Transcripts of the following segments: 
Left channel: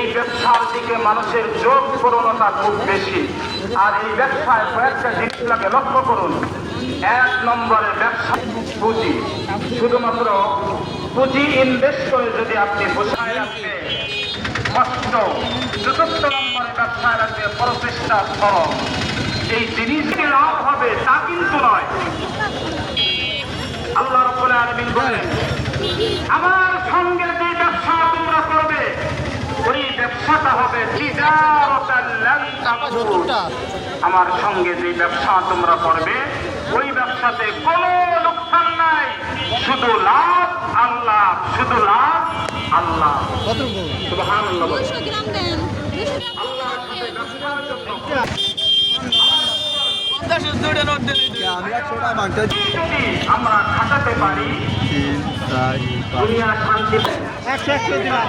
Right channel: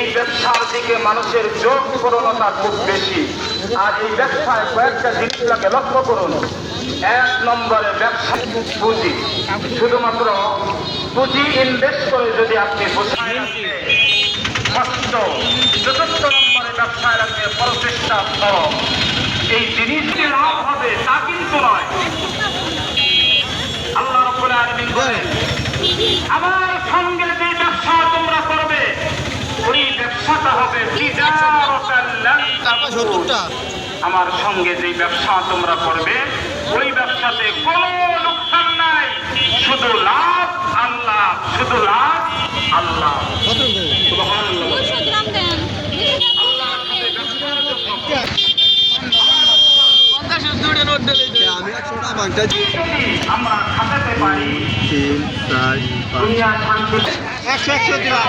এই ব্যবসার দিকে মানুষের যোগ প্রবণতা খুব বেশি। আর এই ব্যবসায় কয়েকটা জিনিসটাকে লক্ষ্য করুন। এক নম্বরে ব্যবসা পুঁজি। শুধুমাত্র পুঁজি ইনভেস্ট করে যদি আপনি বোঝায় রাখতে কষ্ট চতুর্থ নম্বরে ব্যবসায় রাখতে প্রচেষ্টা শ্রম এই জিনিসটি লাভ হবে, তা কিন্তু নয়। আল্লাহ রব্বুল আলামিন বলেন, আমার সঙ্গে যে ব্যবসা তোমরা করবে ওই ব্যবসাটা হবে তিজারাতান লান তাবুর। আমার সঙ্গে যে ব্যবসা তোমরা করবে ওই ব্যবসাতে কোনো লোকসান নাই। শুধু লাভ আল্লাহ শুধু লাভ আল্লাহ। আল্লাহর সাথে ব্যবসার জন্য। আমরা খাটাতে পারি। দুনিয়া শান্তি একশো একশো দিলাম।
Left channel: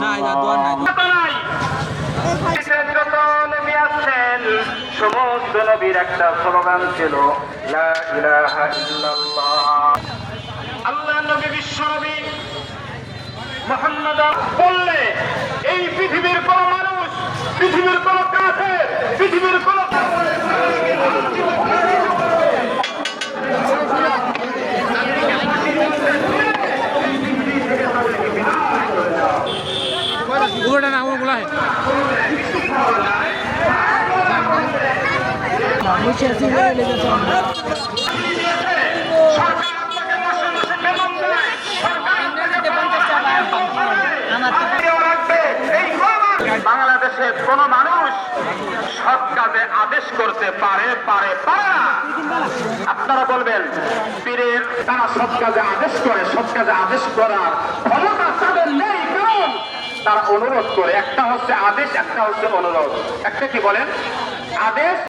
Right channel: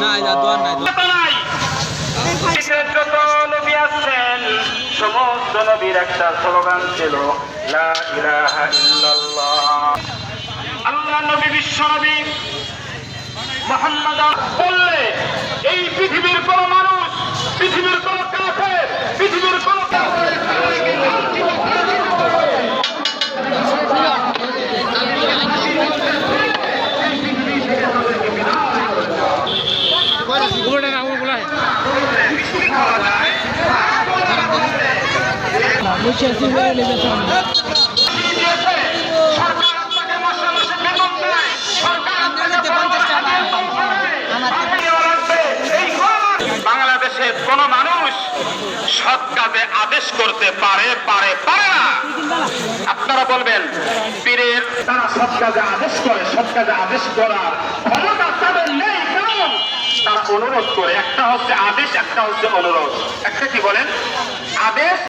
না, নাই, সমস্ত নবীর একটা স্লোগান ছিল লা ইলাহা ইল্লাল্লাহ। আল্লাহ নবী বিশ্ব মোহাম্মদ বললে এই পৃথিবীর কোন মানুষ পৃথিবীর কোন কাফের পৃথিবীর কোন আপনাকে বাংলাদেশের কোন মানুষ সৎ কাজে আদেশ করতে পারে পারে পারে না। আপনারা বলবেন, পীরের তারা সৎ কাজে আদেশ করে, সৎ কাজে আদেশ করার ক্ষমতা তাদের নেই। তারা অনুরোধ করে একটা হচ্ছে আদেশ একটা হচ্ছে অনুরোধ। একটা কি বলেন? আদেশ